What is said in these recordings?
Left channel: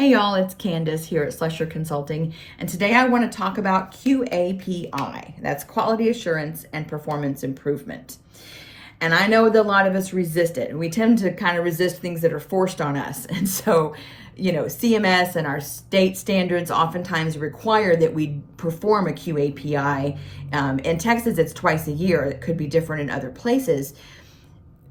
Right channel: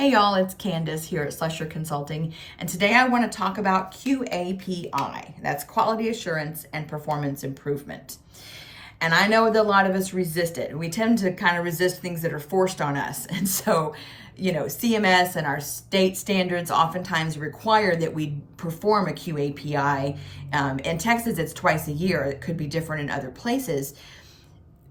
Hey y'all, it's Candace here at Slusher Consulting, and today I want to talk about QAPI. That's Quality Assurance and Performance Improvement. And I know that a lot of us resist it. We tend to kind of resist things that are forced on us. And so, CMS and our state standards oftentimes require that we perform a QAPI. In Texas, it's twice a year. It could be different in other places.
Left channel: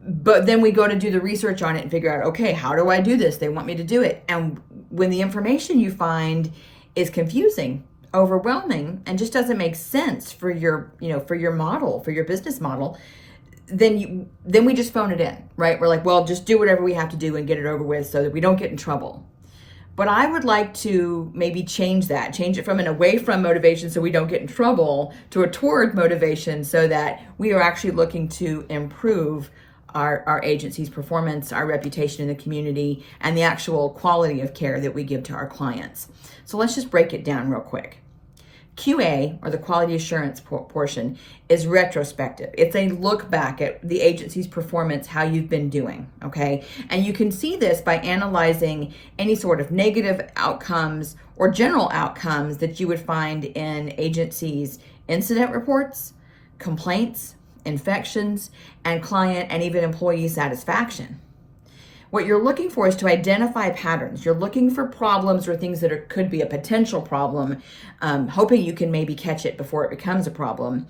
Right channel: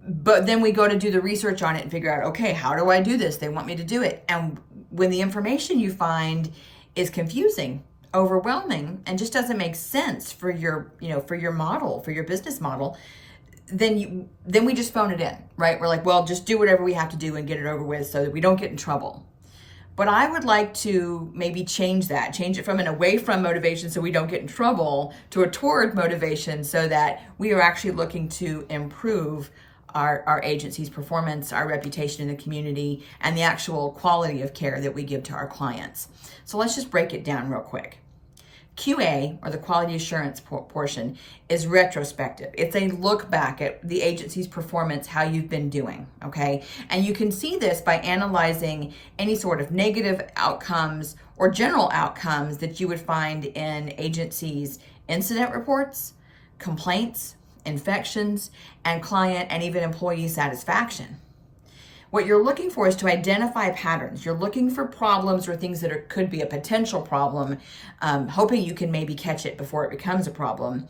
But then we go to do the research on it and figure out, okay, how do I do this? They want me to do it. And when the information you find is confusing, overwhelming, and just doesn't make sense for your, for your model, for your business model, then we just phone it in, right? We're like, well, just do whatever we have to do and get it over with so that we don't get in trouble. But I would like to maybe change it from an away from motivation so we don't get in trouble to a toward motivation so that we are actually looking to improve our agency's performance, our reputation in the community, and the actual quality of care that we give to our clients. So let's just break it down real quick. QA, or the quality assurance portion, is retrospective. It's a look back at the agency's performance, how you've been doing, okay? And you can see this by analyzing any sort of negative outcomes or general outcomes that you would find in agencies' incident reports, complaints, infections, and client and even employee satisfaction. What you're looking for is to identify patterns. You're looking for problems or things that could be a potential problem, hoping you can maybe catch it before it becomes a problem.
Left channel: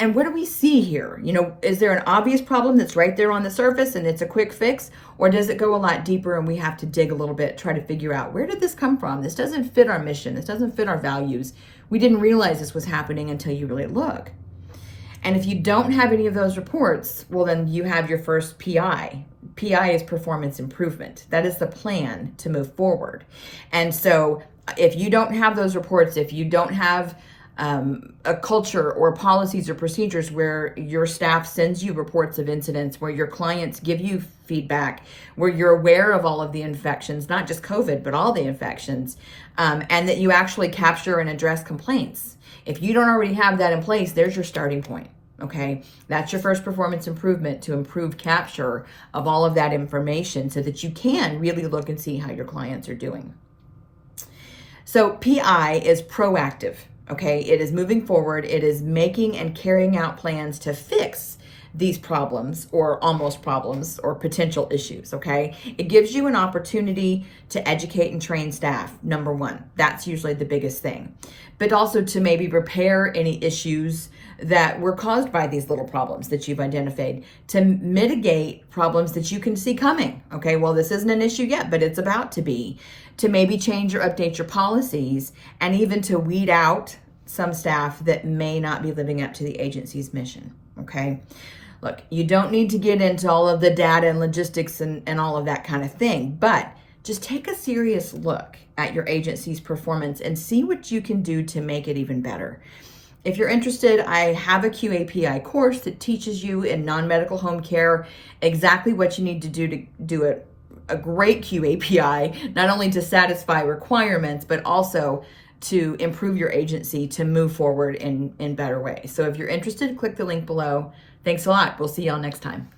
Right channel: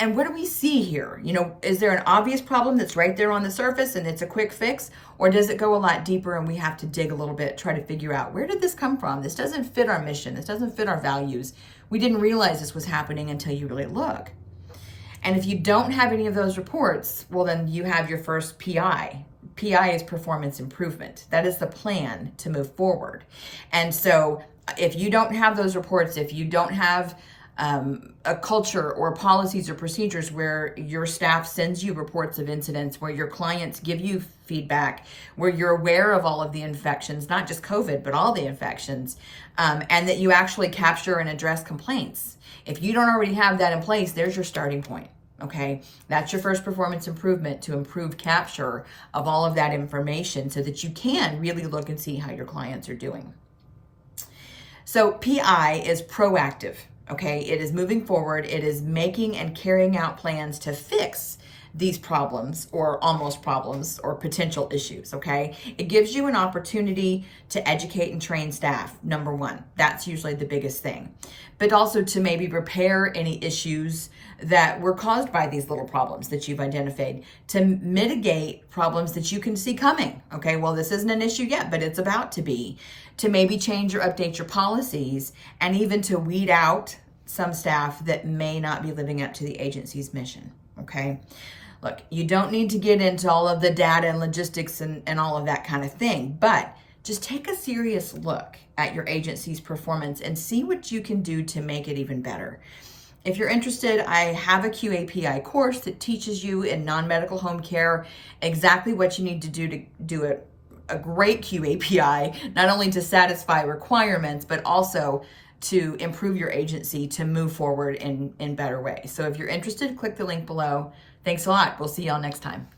And what do we see here? Is there an obvious problem that's right there on the surface and it's a quick fix? Or does it go a lot deeper and we have to dig a little bit, try to figure out, where did this come from? This doesn't fit our mission. This doesn't fit our values. We didn't realize this was happening until you really look. And if you don't have any of those reports, well, then you have your first PI. PI is performance improvement. That is the plan to move forward. And so if you don't have those reports, if you don't have a culture or policies or procedures where your staff sends you reports of incidents, where your clients give you feedback, where you're aware of all of the infections, not just COVID, but all the infections, and that you actually capture and address complaints. If you don't already have that in place, there's your starting point, okay? That's your first performance improvement, to improve capture of all of that information so that you can really look and see how your clients are doing. So PI is proactive, okay? It is moving forward. It is making and carrying out plans to fix these problems or almost problems or potential issues, okay? It gives you an opportunity to educate and train staff, number one. That's usually the biggest thing. But also to maybe repair any issues that were caused by these little problems that you've identified, to mitigate problems that you can see coming, okay? Well, this isn't an issue yet, but it's about to be. To maybe change or update your policies, and even to weed out some staff that may not be living up to the agency's mission, okay? Look, you don't need to get into all of the data and logistics and all of that kind of thing, but just take a serious look at your agency's performance and see what you can do to make it even better. If you're interested, I have a QAPI course that teaches you in non-medical home care exactly what you need to do a great QAPI, not only to satisfy requirements, but also to improve your agency to move forward in better ways. So if you're interested, click the link below. Thanks a lot. We'll see y'all next time.